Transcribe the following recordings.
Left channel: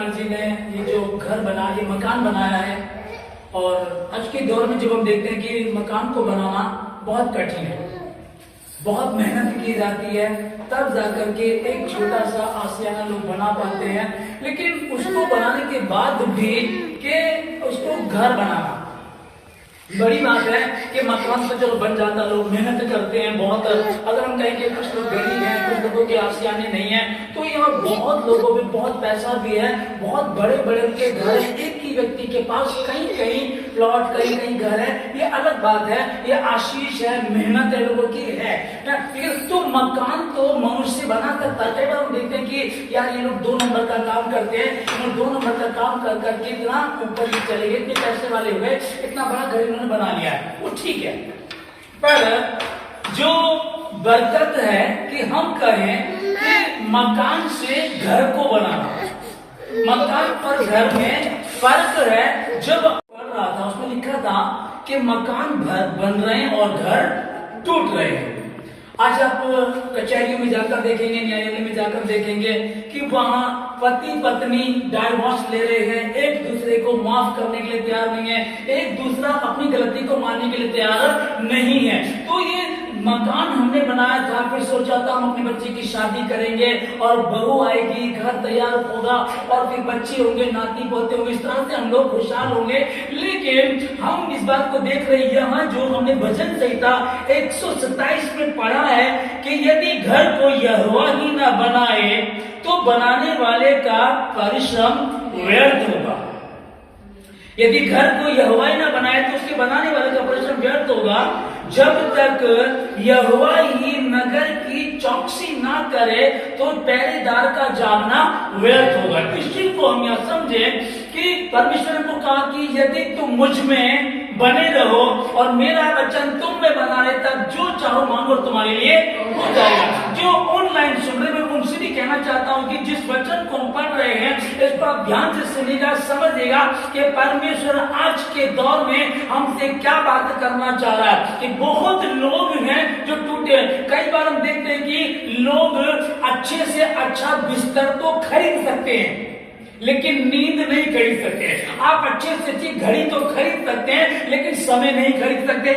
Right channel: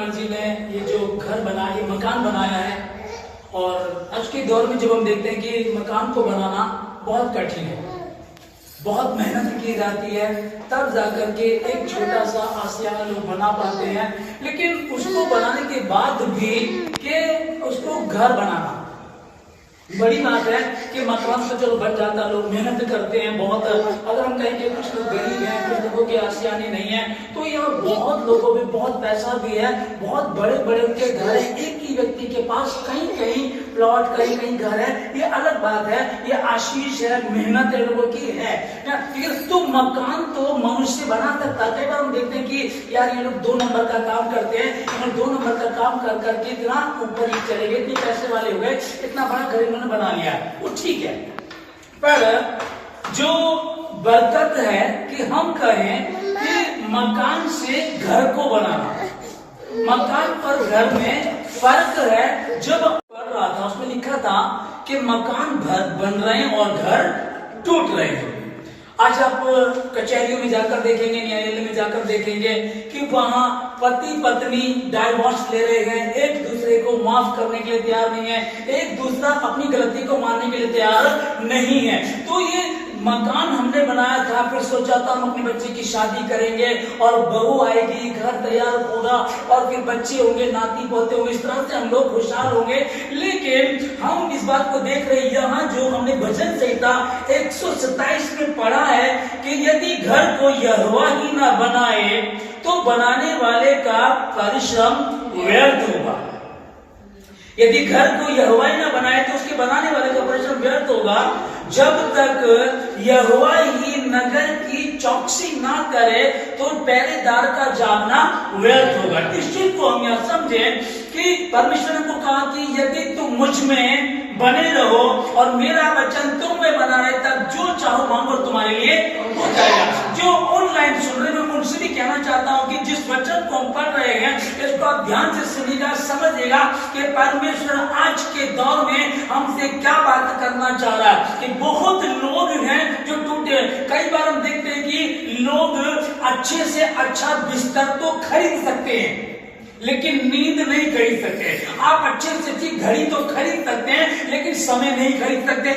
मर्जी ने ये जो घर बना, ये मकान बनाया है। और आज के दौर में जब हम देखते हैं कि मकान को बनाना बहुत कठिन है, बहुत मेहनत की जाती है, तब जाकर के एक छोटा सा आशियाना लोग बना पाते हैं। लेकिन उसको बनाने के बाद भी कि उसको घर बनाना बड़ी बात है कि मकान तो चलो बन जाता, लोग मेहनत करते हैं बहुत। अगर हम कहें कि कुछ लोग गरीब हैं, कुछ लोगों के आशियाने नहीं है, तो यहाँ बहुत लोगों में बहुत पैसा भी है, बहुत बड़े बड़े उनके घर है, एक ही व्यक्ति के पास कहीं कहीं प्लॉट, कहीं कहीं घर है, ये अलग बात है, ये आशीष है, मेहनत है लोगों की है। ठीक है, तो मकान तो मनुष्य बना सकता है। कई बार हम देखते हैं कि यार ये लोग 2 नंबर का काम करते हैं, इन्होंने 2 नंबर का काम कर करके इतना ऊपर ही चले गए, इतने पैसे वाले हो गए, इतना बड़ा घर इन्होंने बना लिया है, वो ठीक है। पर जो बरकत है कि हम कहें कि मकान से घर को बनाना, मकान और घर में फर्क है। जब पढ़ रहा था उसमें लिखा था कि मकान बन रहे हैं और घर टूट रहे हैं। आज आप कचहरियों में जाकर देखेंगे, न्यायालय में जाकर देखेंगे कि वहां पति पत्नी डाइवोर्स ले रहे हैं, एक दूसरे को माफ करने के लिए तैयार नहीं है, एक दूसरा अपनी गलती को मानने के लिए तैयार नहीं है। तो ये मकान हमने बनाया था, फिर सोचा था हम अपने बच्चे की शादी करेंगे और बहू आएगी, घर तैयार होगा और फिर बच्चे होंगे, नाती पोते होंगे, इस तरह से हम लोग खुशहाल होंगे। लेकिन हम इस बात को देख रहे हैं, यहाँ जो हमने भजन संहिता 127 में पढ़ा है कि यदि घर को यहोवा ही ना बनाए तो बनाने वाले का परिश्रम व्यर्थ होगा। यदि घर को यहोवा ही ना बनाए तो उसके बनाने वाले का परिश्रम व्यर्थ होगा। जब तक यहोवा ही नगर की चौकसी ना करे तो पहरेदार का जागना व्यर्थ होगा। इस चीज को हम यह समझे कि परमेश्वर ने को कहा कि यदि तुम मुझ में बने रहो और मेरा वचन तुम में बना रहे, तब जो चाहो मांगो तुम्हारे लिए हो जाएगा। जो ऑनलाइन सुन रहे, मैं उनसे भी कहना चाहता हूं कि जिस वचन को हम पढ़ रहे हैं इसको आप ध्यान से सुनिएगा, समझिएगा कि परमेश्वर आज के दौर में हमसे क्या बात करना चाह रहा है। कि बहुत लोग हैं जो टूटे। कई बार हम देखते हैं कि लोग अच्छे से अच्छा बिस्तर तो खरीद सकते हैं लेकिन नींद नहीं खरीद सकते। आप अच्छे से अच्छी घड़ी तो खरीद सकते हैं लेकिन समय नहीं खरीद सकते,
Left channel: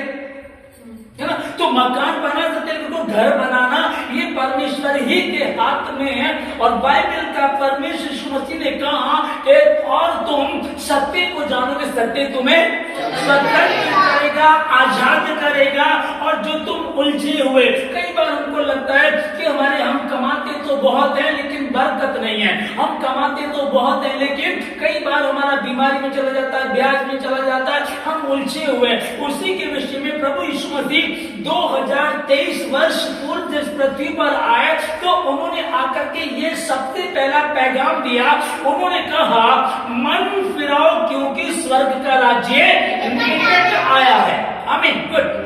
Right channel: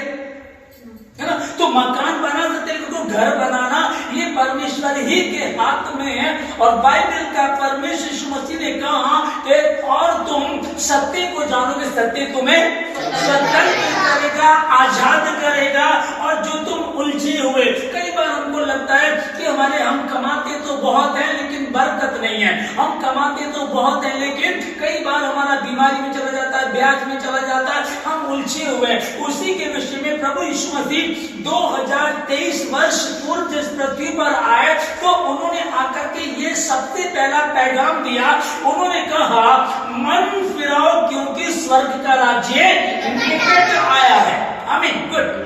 है ना। तो मकान बना सकते हैं लेकिन तो घर बनाना ये परमेश्वर ही के हाथ में है। और बाइबल का परमेश्वर यीशु मसीह ने कहा कि और तुम सत्य को जानोगे, सत्य तुम्हें स्वतंत्र करेगा, आजाद करेगा। और जो तुम उलझे हुए, कई बार हमको लगता है कि हम कमाते तो बहुत है लेकिन बरकत नहीं है, हम कमाते तो बहुत है लेकिन कई बार हमारा बीमारी में चला जाता है, ब्याज में चला जाता है, हम उलझे हुए। उसी के विषय में प्रभु यीशु मसीह 2023 वर्ष पूर्व जिस पृथ्वी पर आए तो उन्होंने आकर के ये सबसे पहला पैगाम दिया। उन्होंने कहा मन फिराओ क्योंकि स्वर्ग का राज्य निकट आया है। आमीन, गुड।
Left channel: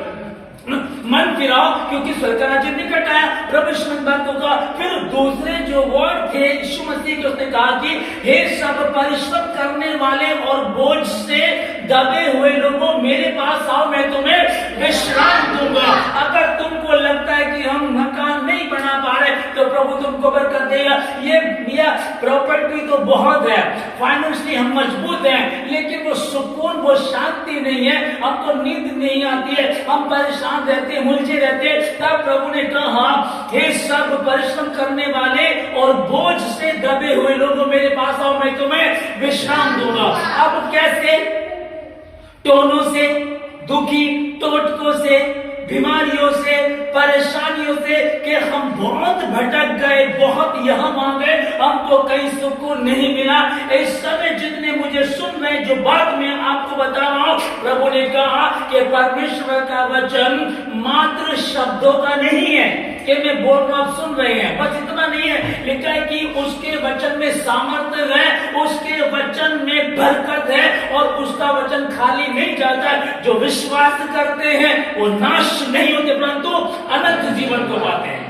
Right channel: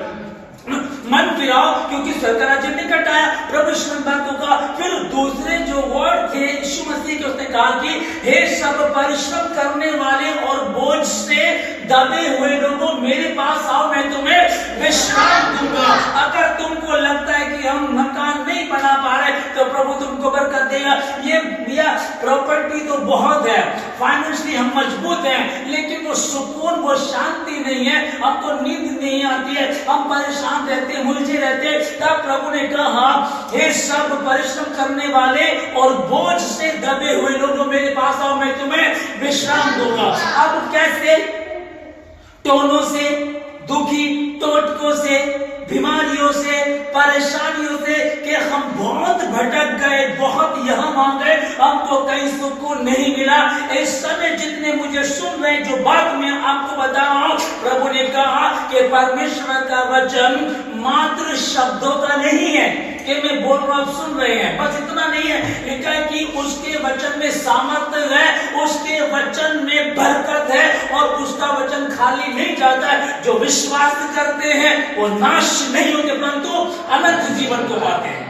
मन फिराओ क्योंकि स्वर्ग का राज्य निकट आया। प्रभु यीशु ने बात को कहा। फिर दूसरे जो वर्ड थे यीशु मसीह के, उसने कहा कि हे सब परिश्रम करने वाले और बोझ से दबे हुए लोगों मेरे पास आओ, मैं तुम्हें विश्राम दूंगा। अगर तुमको लगता है कि हम मकान नहीं बना पा रहे तो प्रभु तुमको बरकत देगा। ये प्रॉपर्टी तो बहुत है, फाइनेंशियली हम मजबूत हैं लेकिन वो सुकून, वो शांति नहीं है, हमको नींद नहीं आती है, हम परेशान रहते, उलझे रहते। तब प्रभु ने कहा हे सब परिश्रम करने वाले और बोझ से दबे हुए लोगों मेरे पास आओ, मैं तुम्हें विश्राम दूंगा। अब कैसे? टोनों से, दुखी टोटकों से, बीमारियों से, परेशानियों से कि हम बहुत भटक गए, बहुत यहां वहां गए, हमको कहीं सुकून नहीं मिला। इस समय जितने मुझे सुन रहे, जो बात मैं आपको बता रहा हूं, प्रभु ने कहा कि परमेश्वर का वचन मात्र शब्दों का नहीं है कि मैं बोल रहा हूं, सुन रहे हैं, बस इतना नहीं है। लिखा है कि उसके वचन में सामर्थ्य है, उसके वचन में बरकत है और उसका वचन खाली नहीं जाता है। जो विश्वास करते हैं वो नाश नहीं होते परंतु अनंत जीवन को पाते हैं।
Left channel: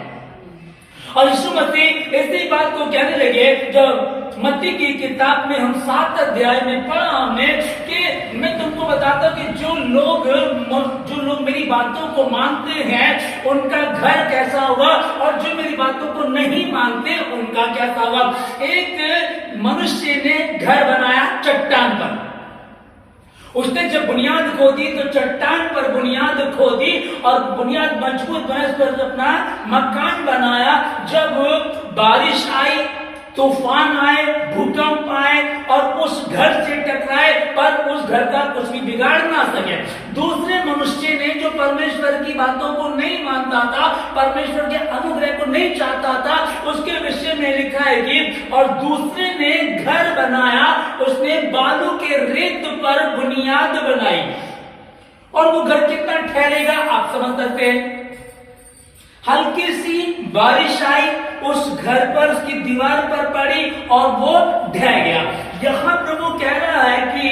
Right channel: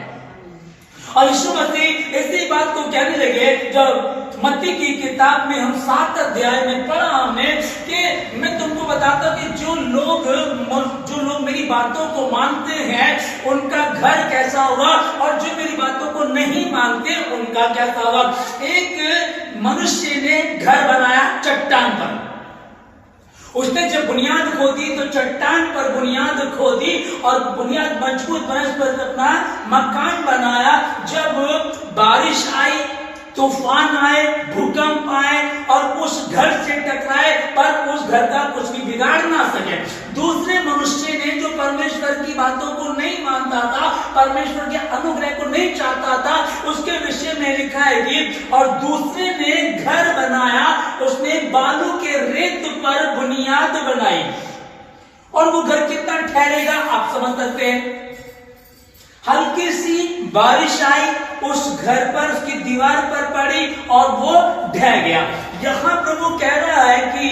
और यीशु मसीह इसी बात को कहने लगे जब मत्ती की किताब में हम 7 अध्याय में पढ़ा हमने कि मैं तुमको बताता हूं कि जो लोग मेरी बातों को मानते हैं उनका घर कैसा होगा, और जो मेरी बातों को नहीं मानते उनका कैसा होगा। एक मनुष्य ने घर बनाया चट्टान पर। उसने जब बुनियाद खोदी तो चट्टान पर बुनियाद खोदी और बुनियाद मजबूत बनाने पर अपना मकान बनाया। जब बारिश आई, तूफान आए, भूकंप आए और उस घर से टकराए, पर उस घर का कुछ भी बिगाड़ ना सके। दूसरे मनुष्य ने जो परमेश्वर की बातों को नहीं मानता था, परमेश्वर के अनुग्रह को नहीं चाहता था, उसके विषय में लिखा है कि और दूसरे ने घर बनाया, उसने बालू के रेत पर बुनियाद बनाई। और वो घर कितना ठहरेगा आप समझ सकते हैं। हल्की सी बारिश आई, उस घर पर, उसकी दीवार पर पड़ी और वो ढह गया। यहां प्रभु कह रहा है कि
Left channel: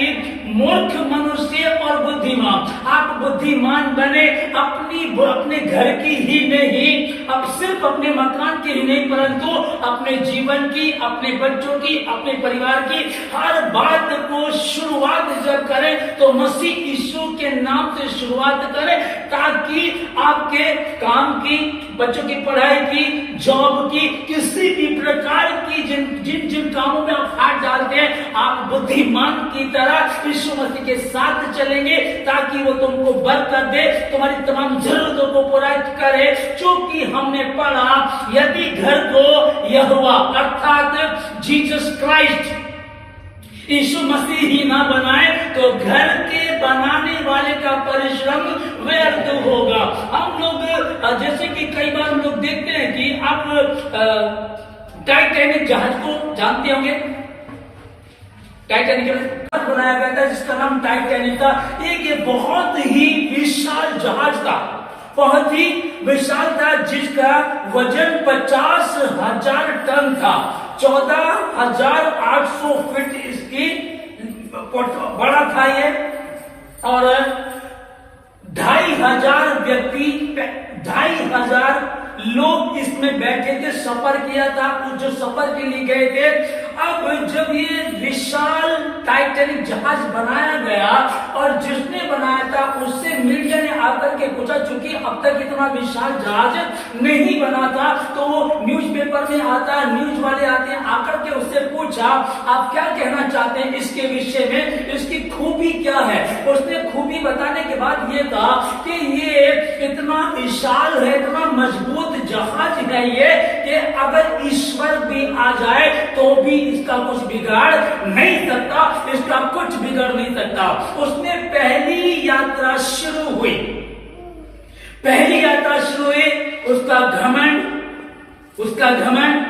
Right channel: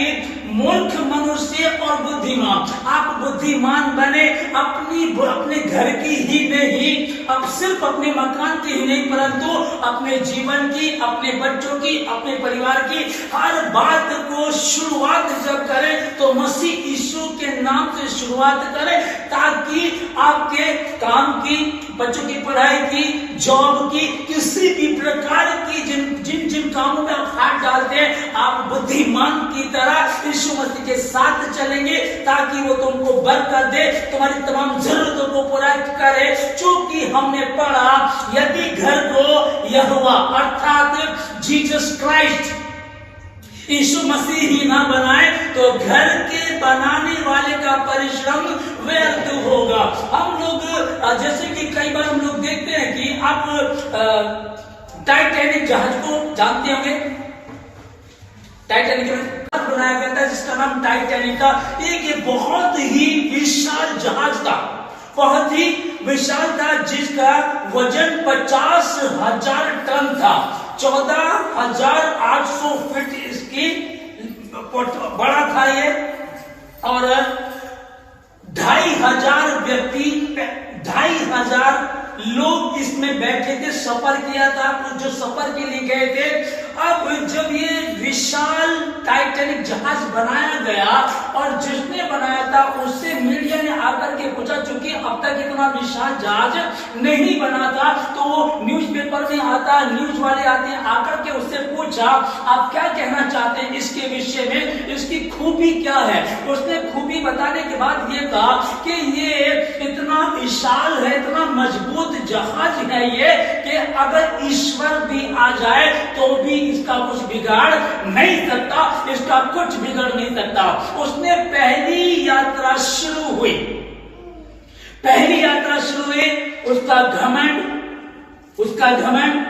मूर्ख मनुष्य और बुद्धिमान, आप बुद्धिमान बने, अपने घर की ही नहीं, अब सिर्फ अपने मकान की ही नहीं, परंतु अपने जीवन की, अपने बच्चों की, अपने परिवार की हर बात को शुरुआत जब करें तो मसीह यीशु के नाम से शुरुआत करें, ताकि आपके काम की, बच्चों की पढ़ाई की, जॉब की, किसी भी प्रकार की जिन जिन कामों में आप हाथ डालते हैं, आप बुद्धिमान की तरह यीशु मसीह के साथ चलेंगे, ताकि वो तुमको बरकत दे, तुम्हारी तमाम जरूरतों को पूरा करे। क्योंकि हमने पढ़ा, यदि घर को यहोवा अर्थात जीसस क्राइस्ट, यीशु मसीह ही ना बनाए तो घर के बनाने वाले का परिश्रम व्यर्थ होगा। हम लोग जैसे कि कई बार हम लोग देखते हैं कि आप टाइटैनिक जहाज को जानते होंगे। टाइटैनिक बनाया गया था जिसका नाम टाइटैनिक था। एक ये बहुत ही विशाल जहाज था, बहुत ही विशाल था, जिसका वजन 50,000 टन था। 14,800 फीट इसकी बड़ा था ये, और 2,500 व्यक्ति, 2,500 लोग इसमें बैठे थे, सफर किया था। जो सफर के लिए गए थे, अब जब ये विशाल टाइटैनिक जहाज बनाया गया और जिसने बनाया था उससे मीडिया ने आकर के पूछा, चूंकि अब तक इतना विशाल जहाज नहीं बना था, तो वो न्यूज़पेपर में आता, न्यूज वाले आते हैं, आकर के उससे पूछा आप क्या कहना चाहते हैं इसके विषय में, इसकी खूबी क्या है। उसने खूबी बताने के बाद ये कहा कि ये इतना विशाल है, इतना मजबूत जहाज है ये, कि अगर ईश्वर भी आ जाए तो भी इसका कुछ बिगाड़ नहीं सकता, इसका कुछ बिगड़ नहीं सकता। उसने पहली यात्रा शुरू हुई, उसका घमंड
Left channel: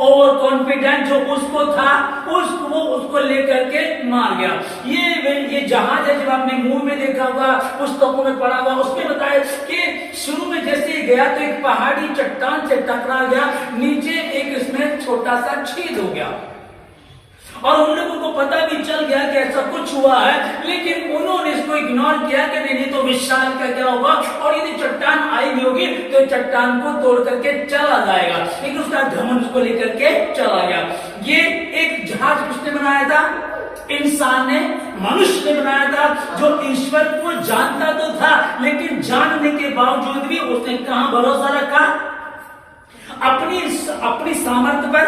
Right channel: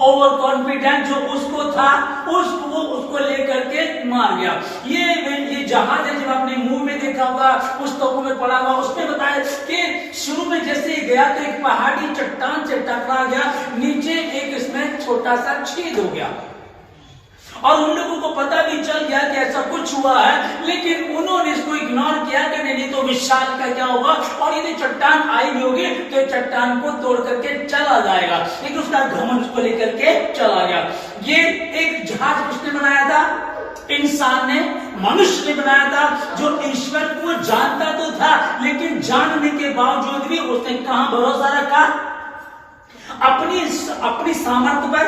ओवर कॉन्फिडेंस जो उसको था, उसको लेकर के मार गया। ये जहाज है, जब आपने मुंह में देखा हुआ, पुस्तकों में पढ़ा हुआ, उसमें बताया कि शुरू में जैसे ही गया तो एक पहाड़ी चट्टान से टकरा गया, नीचे एक इसमें छोटा सा छेद हो गया, और उन लोगों को पता भी चल गया कि ऐसा कुछ हुआ है, लेकिन उन्होंने इसको इग्नोर किया कि नहीं तो विशाल का क्या होगा, और यदि चट्टान आई भी होगी तो चट्टान को तोड़ करके चला जाएगा। लेकिन उसका घमंड उसको लेकर के चला गया। ये एक जहाज किसने बनाया था? इंसान ने, मनुष्य ने बनाया था, जो ईश्वर को जानता तो था, लेकिन जानने के बावजूद भी उसने कहां भरोसा रखा? अपनी सामर्थ्य पर,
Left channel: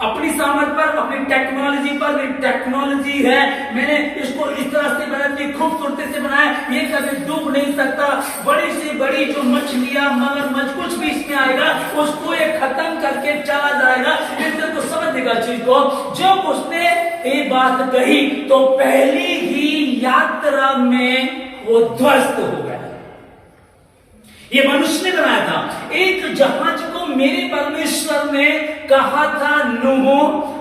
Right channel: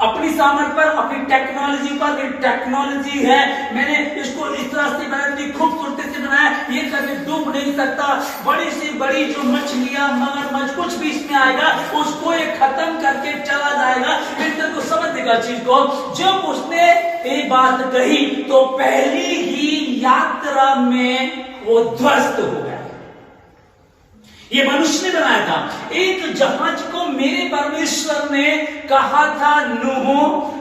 अपनी टेक्नोलॉजी पर। टेक्नोलॉजी है, मैंने इसको इस तरह से बनाया, इतनी खूबसूरती से बनाया, ये कभी डूब नहीं सकता। बड़ी से बड़ी जो मछलियां, मगरमच्छ, कुछ भी इसमें आएगा उसको ये खत्म करके चला जाएगा। इसलिए तो समझ देगा चीज को। जब उसने ये बात कही तो पहली ही यात्रा में वो ध्वस्त हो गया। ये मनुष्य ने बनाया था। एक जहाज को मेरे परमेश्वर ने कहा था, नूह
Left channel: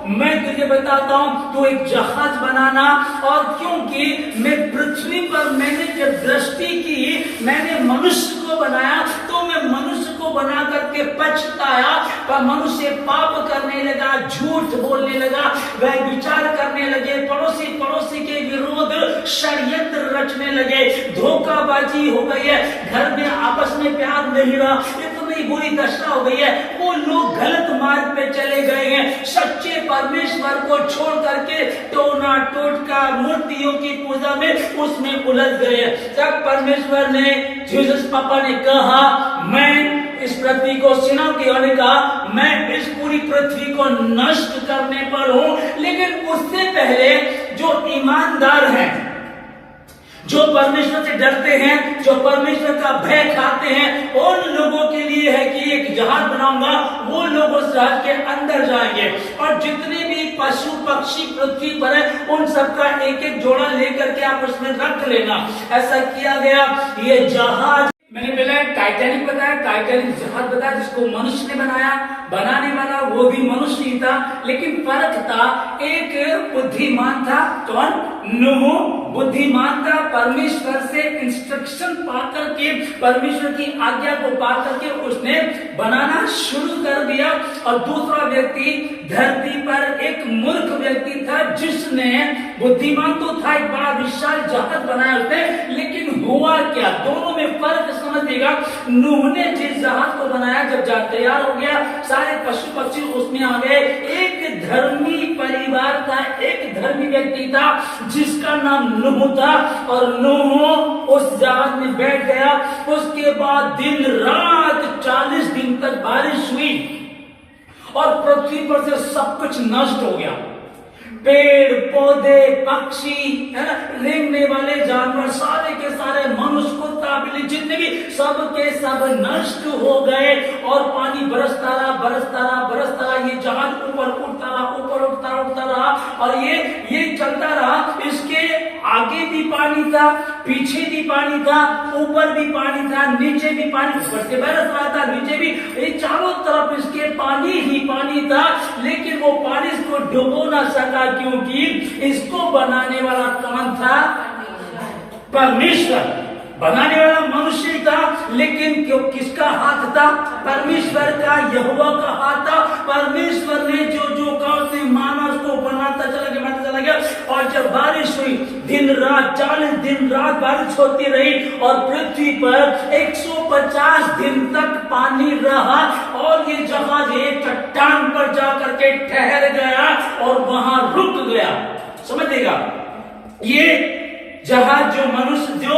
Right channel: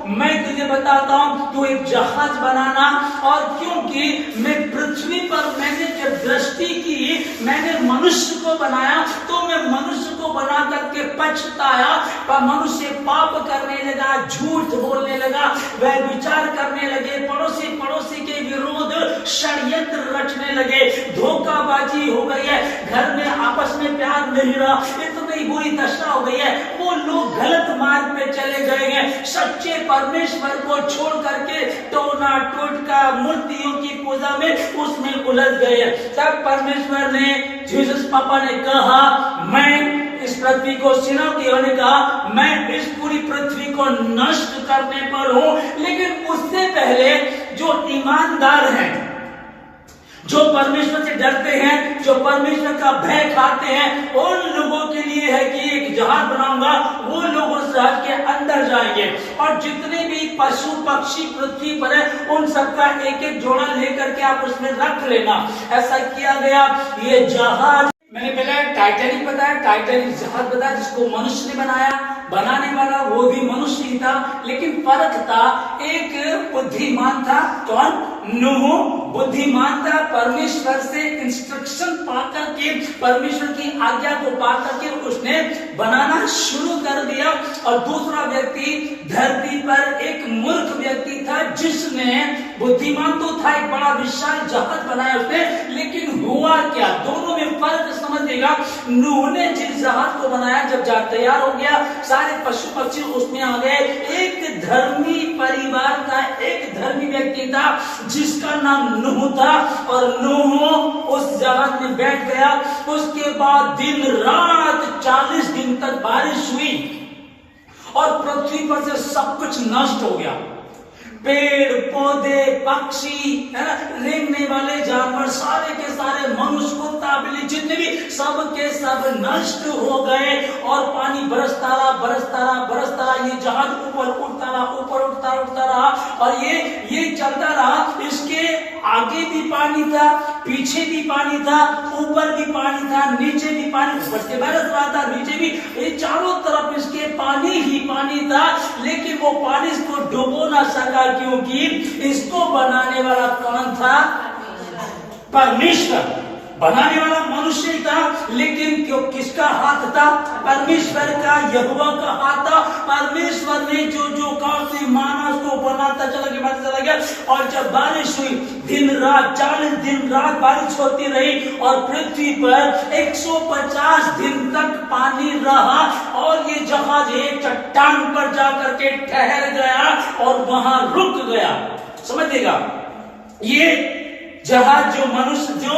मैं तुझे बताता हूं तू एक जहाज बनाना, और क्योंकि मैं पृथ्वी पर मैंने जब दृष्टि की, मैंने मनुष्य को बनाया, तो मैं मनुष्य को बना करके पछताया। पर मनुष्य पाप करने लगा, झूठ बोलने लगा, वह विचार करने लगे, पड़ोसी के विरोध षड्यंत्र रचने लगे, धोखाबाजी हो गई है, घर में आपस में प्यार नहीं रहा, इतनी बुरी दशा हो गई है। वो लोग गलत मार्ग पे चले गए हैं, सच्चे परमेश्वर को छोड़ करके टोना टोटका मूर्तियों की पूजा में उसमें उलझ गए हैं। तब परमेश्वर ने, जीसस पापा ने कहा, मैं इस पृथ्वी को सिनौती वाले कहा, मैं इस पूरी पृथ्वी को नष्ट करने पर हूं। लेकिन उससे पहले जो ईमानदार हैं, जो परमेश्वर से डरते हैं, जो परमेश्वर का भय खाते हैं, उन लोगों के लिए है कि एक जहाज बनाऊंगा, वो लोग उस जहाज के अंदर जाएंगे और जितने भी पशु पक्षी पृथ्वी पर है उन सबका एक एक जोड़ा लेकर के आप उसमें रख लेना। ऐसा किया गया। ये जहाज मैंने पहले टाइटैनिक बताया, टाइटैनिक जहाज बताया जिसको मनुष्य ने बनाया, बनाने वाला वो भी मनुष्य ही था, लेकिन फर्क था, एक बुद्धिमान था, कौन? नूह बुद्धिमान था, परमेश्वर से इंस्ट्रक्शन पाकर के, परमेश्वर की आज्ञा को पाकर के उसने बनाना शुरू कर दिया। और दूसरा व्यक्ति धरती पर एक मूर्ख व्यक्ति था, जिसने, बुद्धिमान तो था, एक बड़ा विशाल जहाज बनाया उसने, लेकिन हुआ क्या? दोनों में फर्क समझिएगा। नूह ने जिस जहाज को बनाया, जब जहाज तैयार हो गया, सारे पशु पक्षी उसमें आ गए। एक धर्मी परिवार था, एक धर्मी व्यक्ति था जिसका नाम नूह था, और नूह उस जहाज में बैठ गया। उसके बाद दिन रात 40 दिन तक बारिश हुई और पृथ्वी पर से सब कुछ नष्ट हो गया। पेड़ पौधे, पक्षी, रेंगने वाले जानवर, सारे के सारे, मनुष्य, कुत्ता, बिल्ली, जितने भी, सब के सब नष्ट हो गए। और पानी बरसता रहा, बरसता रहा, बरसता रहा। ये जहाज ऊपर उठता रहा, ऊपर उठता उठता रहा, और ये चलता रहा। इसके आगे भी पानी था, पीछे भी पानी था, ऊपर भी पानी था, नीचे भी पानी, ऊपर से बरस रहा था, नीचे भी, ये चारों तरफ इसके पानी ही पानी था। लेकिन वो पानी इसको डुबो ना सका, क्योंकि इसको बनाने वाला कौन था? परमेश्वर। बनाने वाला मनुष्य था, लेकिन क्यों, किसका हाथ था? परमेश्वर का, यहोवा का हाथ था। परमेश्वर ने जो जो कहा से माना उसको बनाता चला गया, बनाता चला गया। और जब बारिश हुई, दिन रात 40 दिन रात बारिश होती रही, और पृथ्वी पर 150 दिन तक पानी रहा, और ये जहाज एक चट्टान पर जाकर के ठहर गया और वहां रुक गया। समझिएगा, ये जहाज जो मनुष्य, जो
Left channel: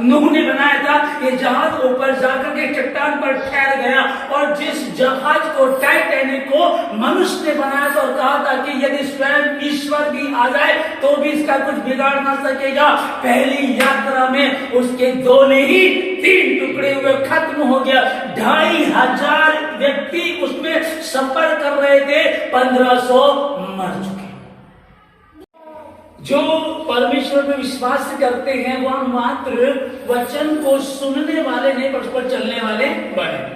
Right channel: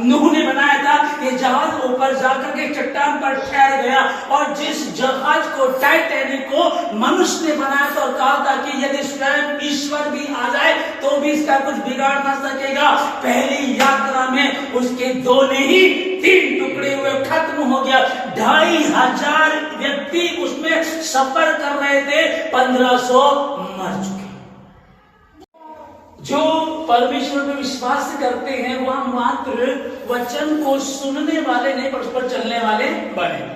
नूह ने बनाया था, ये जहाज ऊपर जाकर के चट्टान पर ठहर गया। और जिस जहाज को, टाइटैनिक को, मनुष्य ने बनाया था और कहा था कि यदि स्वयं ईश्वर भी आ जाए तो भी इसका कुछ बिगाड़ ना सकेगा। पहली यात्रा में उसके 2 नहीं 3 टुकड़े हुए, खत्म हो गया। 2500 व्यक्ति उसमें सफर कर रहे थे, 1500 मर चुके। जो परमेश्वर में विश्वास करते हैं वह मात्र वचन को सुनने वाले नहीं, पर उस पर चलने वाले बने।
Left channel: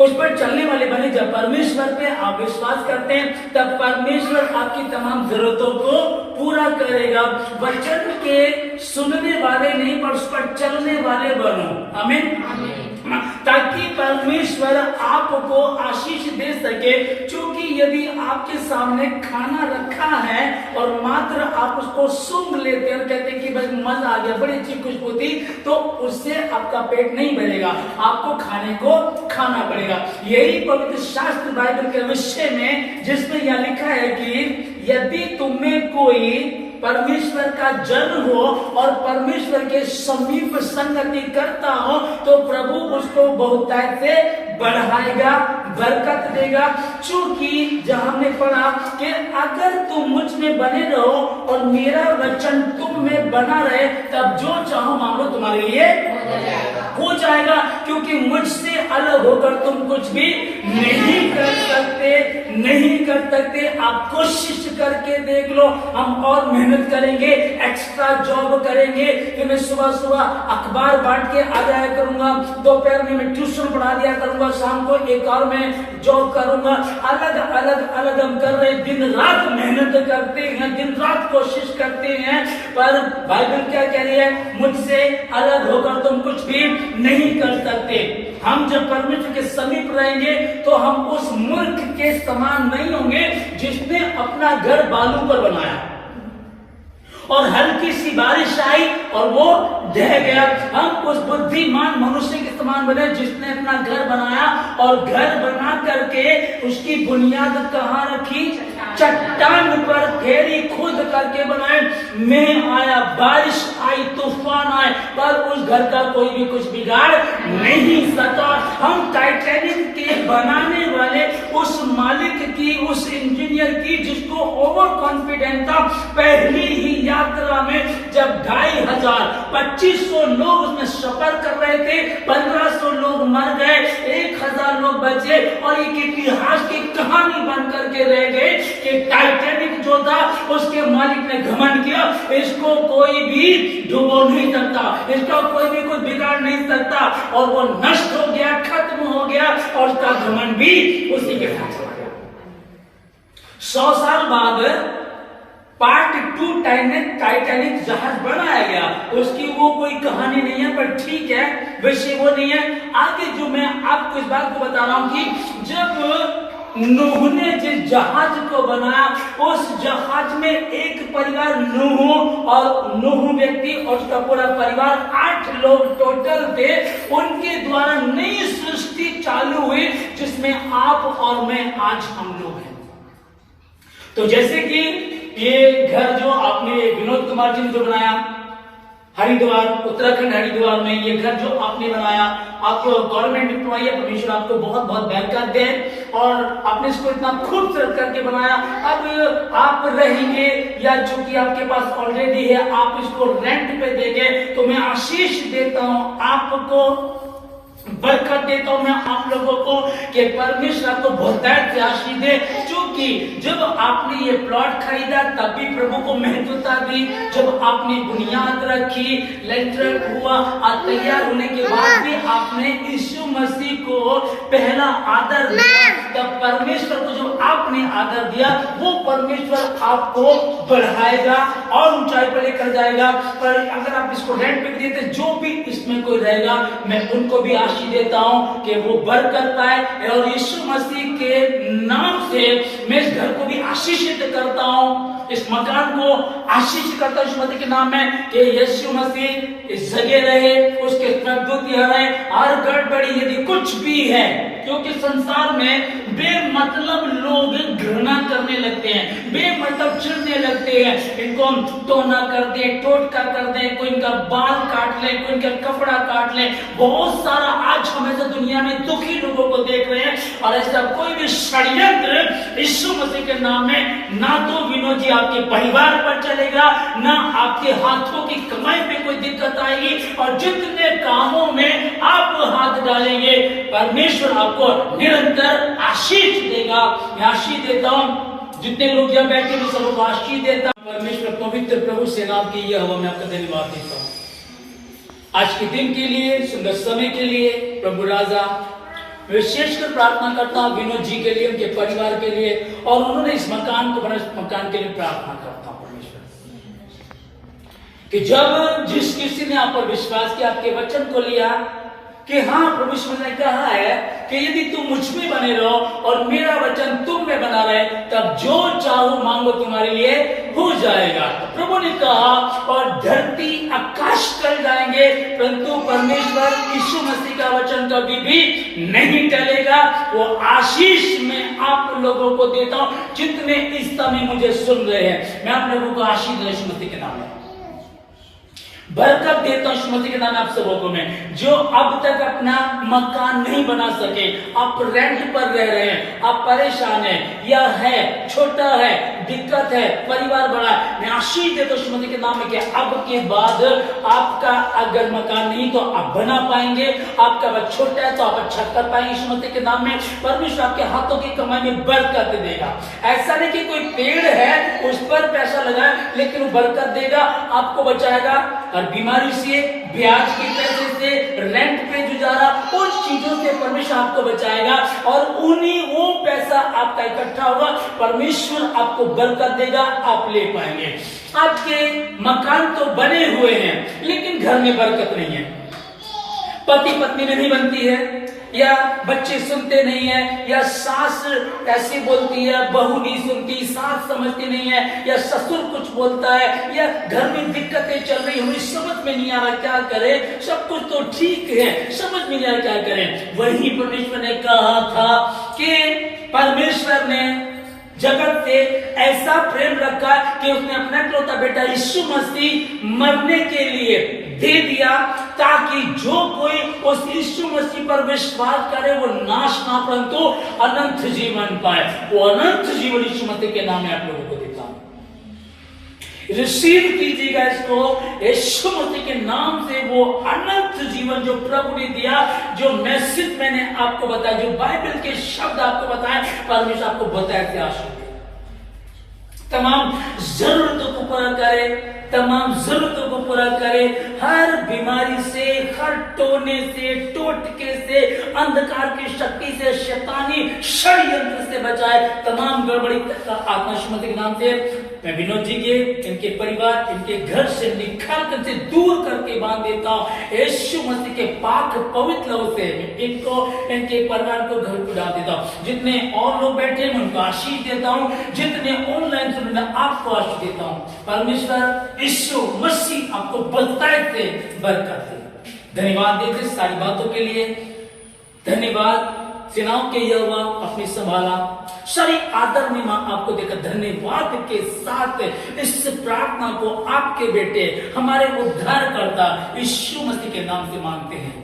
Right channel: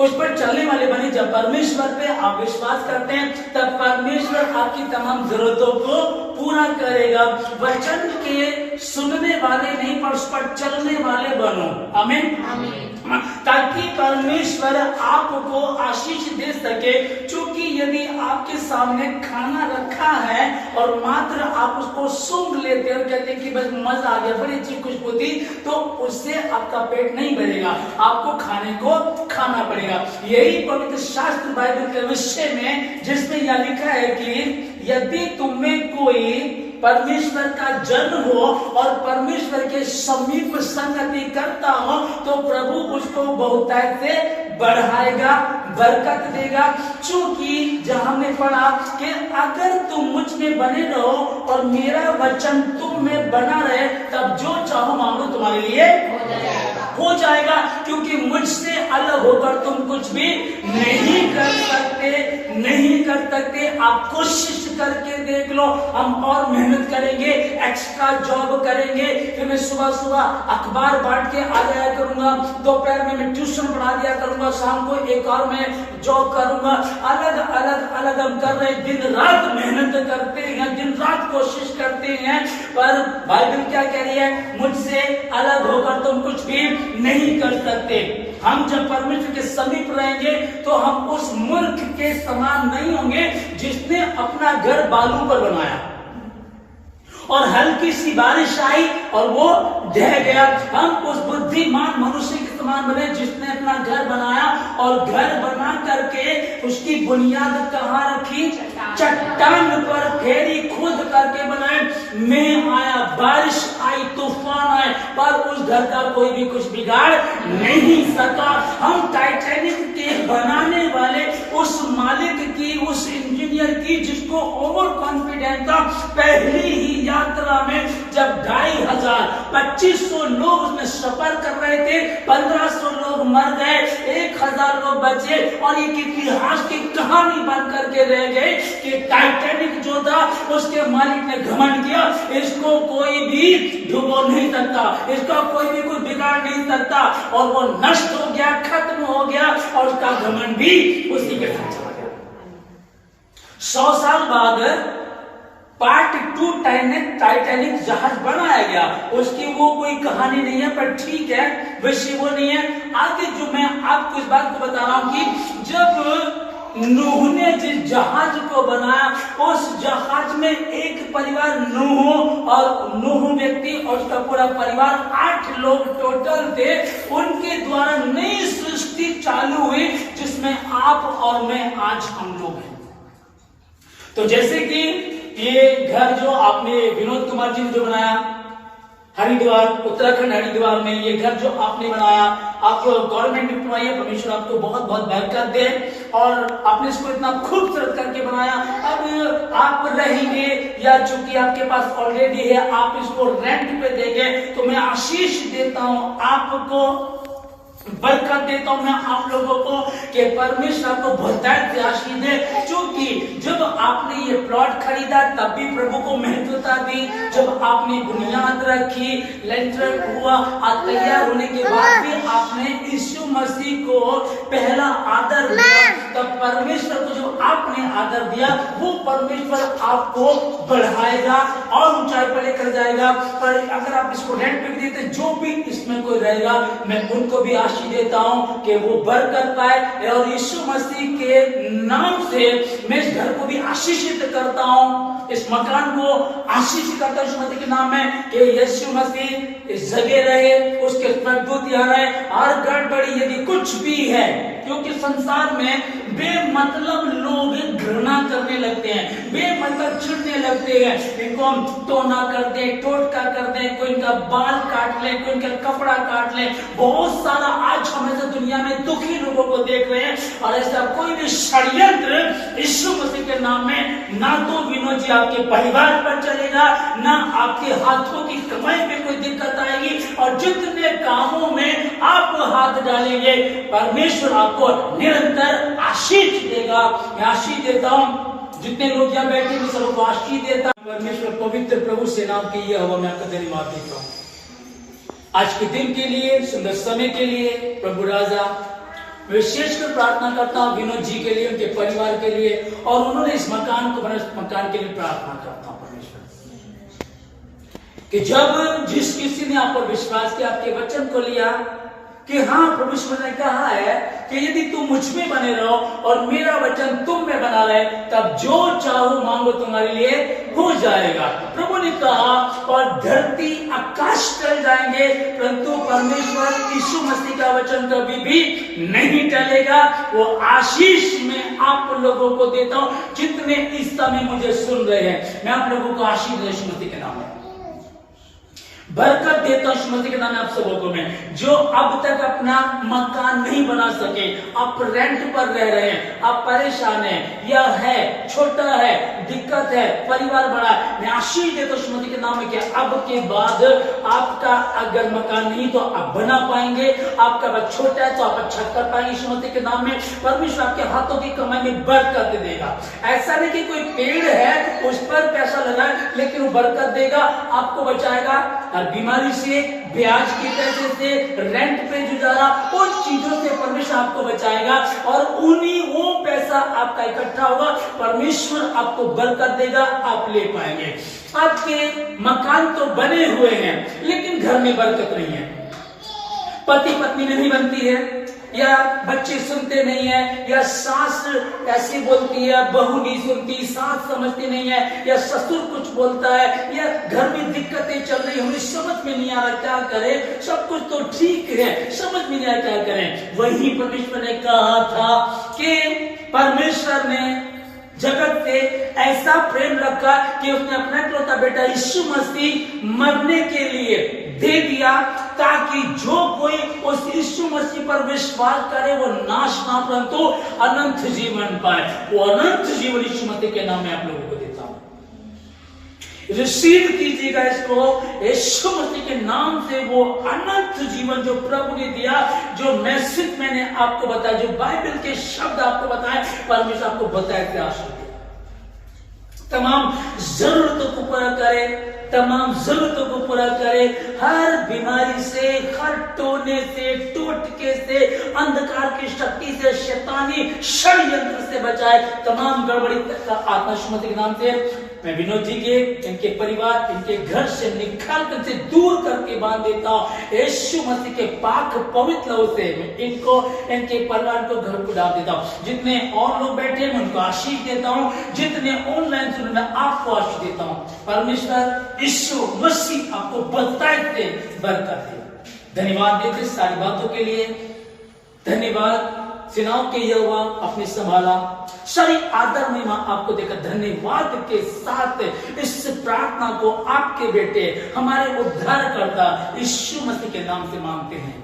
उस पर चलने वाले बने। जब परमेश्वर पे आप विश्वास करते हैं, तब परमेश्वर आपकी तमाम जरूरतों को पूरा करेगा। वचन के सुनने वाले नहीं, पर उस पर चलने वाले बनो। आमीन। ताकि परमेश्वर आपको आशीष दे सके। क्योंकि यदि आपके सामने खाना रखा है और मात्र आप उसको सूंघ लेते हैं और कहते हैं कि बस मजा आ गया, बड़ी अच्छी खुशबू थी, तो उससे आपका पेट नहीं भरेगा, आपको खाने को खाना पड़ेगा। यही पवित्र शास्त्र बाइबल के विषय में, जिसमें यह लिखा है कि यदि तुम्हें कोई परमेश्वर का जन हो और परमेश्वर के समीप संगति करता हो, तो प्रभु उसको बहुतायत से बढ़ाएगा, बरकत देगा। क्योंकि जहां हमने पढ़ा कि अगर तुम मुझ में बने रहो और मेरा वचन तुम में बना रहे, तब जो चाहो मांगो तुम्हारे लिए हो जाएगा। क्योंकि मुझसे अलग होकर तुम कुछ भी नहीं कर सकते, नहीं कर सकते। आप कोशिश करके देख लो। हम और मेहनत करेंगे, एक्स्ट्रा जॉब करेंगे, कि मैं सुबह सुबह अखबार बांट के आ जाया करूंगा, दोपहर में मैं ट्यूशन पढ़ा दिया करूंगा, शाम को एक और मैं जॉब करूंगा। अलग अलग हम कर रहे, दिन रात मेहनत करते हैं, दिन रात कोशिश करते हैं, पर बाइबल क्या कह रही है? मुझसे अलग होकर तुम कुछ भी नहीं कर सकते। हम जब परमेश्वर के समीप रहेंगे तो हम उस मूर्ख के समान नहीं होंगे जिसने अपना घर बालू पर बनाया। और हल्की सी बारिश आई और वो ढह गया। हम उस बुद्धिमान मनुष्य के समान बने जिसने अपना घर बनाया और घर बना करके उसकी बुनियाद कहाँ रखी? चट्टान पर फेरी खोद करके बनाए। मैं आया, बारिश आई, तूफान आए, पर उस घर का कोई भी कुछ बिगाड़ नहीं सका। हम टाइटैनिक के बनाने वाले उस मालिक की, उस इंजीनियर की, जिसको ओवर कॉन्फिडेंस था, पहली ही यात्रा में जब 2500 2500 लोग उसमें सफर कर रहे थे, 1500 लोग मर गए, 1000 लोग बचे और एक इतिहास की कहानी बन करके रह गए कि टाइटैनिक जो था उसके मालिक ने घमंड किया, इसको कोई भी डुबो नहीं सकता, इसका कोई भी कोई बिगाड़ नहीं सकता, और वो नष्ट हो गया, खत्म हो गया और उसका घमंड भी उसी के साथ चला गया। 100 साल बाद पार्ट 2 टाइटैनिक जहाज बनाया गया। उसकी वो कोई कहानी नहीं है, पर ठीक है, विषय वो नहीं है। आगे जो मैं आपको इस बात को बता रहा हूं कि जब नूह ने जिस जहाज को बनाया, उस जहाज में एक परिवार नूह और नूह व्यक्ति और उसका पूरा परिवार 8 लोग टोटल थे। उनके द्वारा नई सृष्टि चालू हुई जिसमें आप और मैं आज हम लोग हैं। तो जैसे कि ये घर जो आपने विनोद कुमार जी ने जो बनाया हरिद्वार, उत्तराखंड हरिद्वार में, ये घर जो आपने बनाया, आप गवर्नमेंट एम्प्लॉई है, परमेश्वर आपको बहुत बहुत बरकत दे और आपने इसको इतना खूबसूरत करके बनाया। अब आप रहेंगे या चूंकि आपके पास ऑलरेडी है, आप इसको रेंट पे देंगे, तो मैं आशीष देता हूं, आपको बरकत देता हूं मैं आप लोगों को कि परमेश्वर आपको बहुतायत से आशीष दे। क्योंकि जब आपने ये प्लॉट खरीदा तब भी प्रभु को महत्वता दी, जब आपने बुनियाद रखी, लेंटर हुआ, तैयार होने के बाद भी आपने यीशु मसीह को पहला आदर दिया, तब परमेश्वर को जो आपने आदर दिया वो परमेश्वर आपको बढ़ाएगा और ऊंचाई पर लेकर जाएगा। पर अगर आप इसको रेंट पे देते, जो भी इसमें कोई रहेगा, मैं उनको भी आशीष देता हूं कि वो बरकत पाए और यीशु मसीह के नाम से मैं इस घर को भी आशीषित करता हूं, इस मकान को आशीष करता हूं यीशु मसीह के नाम में कि यीशु मसीह इस जगह रहे, उसके स्वर्गदूत यहां रहे। हर गड़बड़ी यदि कुछ भी है, क्योंकि संसार में बेमतलब लोग घृणा करने लगते हैं, बेमतलब चिढ़ने लगते हैं, इनको हम टोना कर दे, टोटका कर दे, कोई इनका बाल काट ले, कोई इनका कपड़ा काट ले, बहुत सारा आज हम ऐसे दुनिया में दुखी लोगों को देख रहे हैं। और ऐसा कोई भी षड्यंत्र यीशु मसीह के नाम में ना तो विनोद जी आपके परिवार पर चलेगा, ना आपके हाथों की कमाई में कोई दिक्कत आएगी, और जितने कामों में आप हाथ डालेंगे परमेश्वर आपको निरंतर आशीष देगा। मैं आशीष देता हूं, जितने लोग यहां बैठे हैं सबको आशीष देता हूं। परमेश्वर पवित्र प्रभु से नाम की यह हवा मैं आपका धन्यवाद देता हूं आज के दिन के लिए, सुंदर समय के लिए। प्रभु राजा विशेषकर प्रार्थना करता हूं विनोद जी के लिए, उनके परिवार के लिए, और उन्होंने इस मकान को बनाया, इस मकान के लिए प्रार्थना करता हूं परमेश्वर कि जब जिस किसी ने आप पर विश्वास किया, आपके वचन को लिया कि हाँ प्रभु ने कहा है कि यदि तुम मुझ में बने रहो और मेरा वचन तुम में बना रहे, तब जो चाहो मांगो तुम्हारे लिए हो जाएगा। प्रभु ने कहा और धरती आकाश टल जाएंगे परंतु परमेश्वर यीशु मसीह का वचन कभी भी नहीं टलेगा। वो आशीष में आप लोगों को देता हूं जितने इस समय मुझे सुन रहे हैं। मैं आप लोगों को आशीष यीशु मसीह के नाम में बरकत देता हूं, यीशु मसीह के नाम में आप सबों को। मैं जो अब तक अपना मकान नहीं बना सके, आप रेंट पर रह रहे हैं, आप परेशान हैं, या है छोटा है, दिक्कत है, परिवार बड़ा, मैं आशीष देता हूं यीशु मसीह के नाम में कि अब के बाद आपका अगर मकान नहीं तो आप बना पाएंगे, आपका बच्चा छोटा है तो आप अच्छा कर पाएंगे यीशु मसीह के नाम में। परमेश्वर आपके हाथों की कमाई में बरकत देगा। ऐसा नहीं कि कोई पेड़ है उस पर पैसा लगाए, लेकिन वो बरकत देगा, आपको बचाएगा और बीमारी से, ब्याज के पैसे से, रेंट पे गुजारा, उन चीजों से परमेश्वर आपको बचाएगा और उन्हीं वो पैसा आपका इकट्ठा होगा, परमेश्वर आपको बरकत देगा, आप ले पाएंगे। आपके मकान तो बने हुए हैं लेकिन घर में बरकत नहीं है। पति पत्नी में नहीं बनती है, या बच्चे सुनते नहीं है, या सास ऐसी बोलती है, बहू नहीं सुनती, सास समझती नहीं है, या ससुर कुछ बोलता है, या घर में दिक्कतें चल रही, हमें समझ में नहीं आ रहा क्या करें, सब कुछ तो ठीक है, समझ में नहीं आ रहा क्या करें। वही परमेश्वर ने कहा था कि परमेश्वर ने जगत से ऐसा प्रेम रखा कि उसने अपना इकलौता बेटा यीशु मसीह मरने के लिए दे दिया, ताकि जो कोई उस यीशु मसीह पर विश्वास करे वो नाश ना परंतु अनंत जीवन पाए। वो अनंत जीवन यीशु मसीह के नाम में आप लोगों को देता हूं। रिसीव कीजिएगा इसको, यीशु मसीह के नाम से वो अनंत जीवन जो प्रभु ने दिया, जो मैसेज मैंने आपको बताया, जो बाइबल के शब्द आपको बताए, परमेश्वर आपको बताया कि आशीष तमाम जरूरतों को पूरा करे, तमाम जरूरतों को पूरा करे, हर बीमारी से, हर टोने से, टोटके से, अंधकार की शक्ति से, शैतानी षड्यंत्र से बचाए, तमाम गड़बड़ी का आत्मा यीशु मसीह के नाम से मैं विनोद जी के, इनके परिवार, इनके घर से निकाल कर से दूर करके बांध देता हूं। यीशु मसीह के पाक पवित्र लहू से इनको, इनके परिवार को, घर को डाल देता हूं। जितने और लोग बैठे हैं उनको आशीष देता हूं, जितने ऑनलाइन सुन रहे हैं आपको आशीष देता हूं। परमेश्वर यीशु मसीह आपको बहुतायत से बरकत दे। धन्यवाद देते सारी बातों के लिए, धन्यवाद। सेनाओं के यहोवा आपने संभाला, सारी आदर महिमा आपको देकर धन्यवाद के साथ इस प्रार्थना को आपके बेटे हमारे उद्धारकर्ता यीशु मसीह के नाम से मांगते हैं।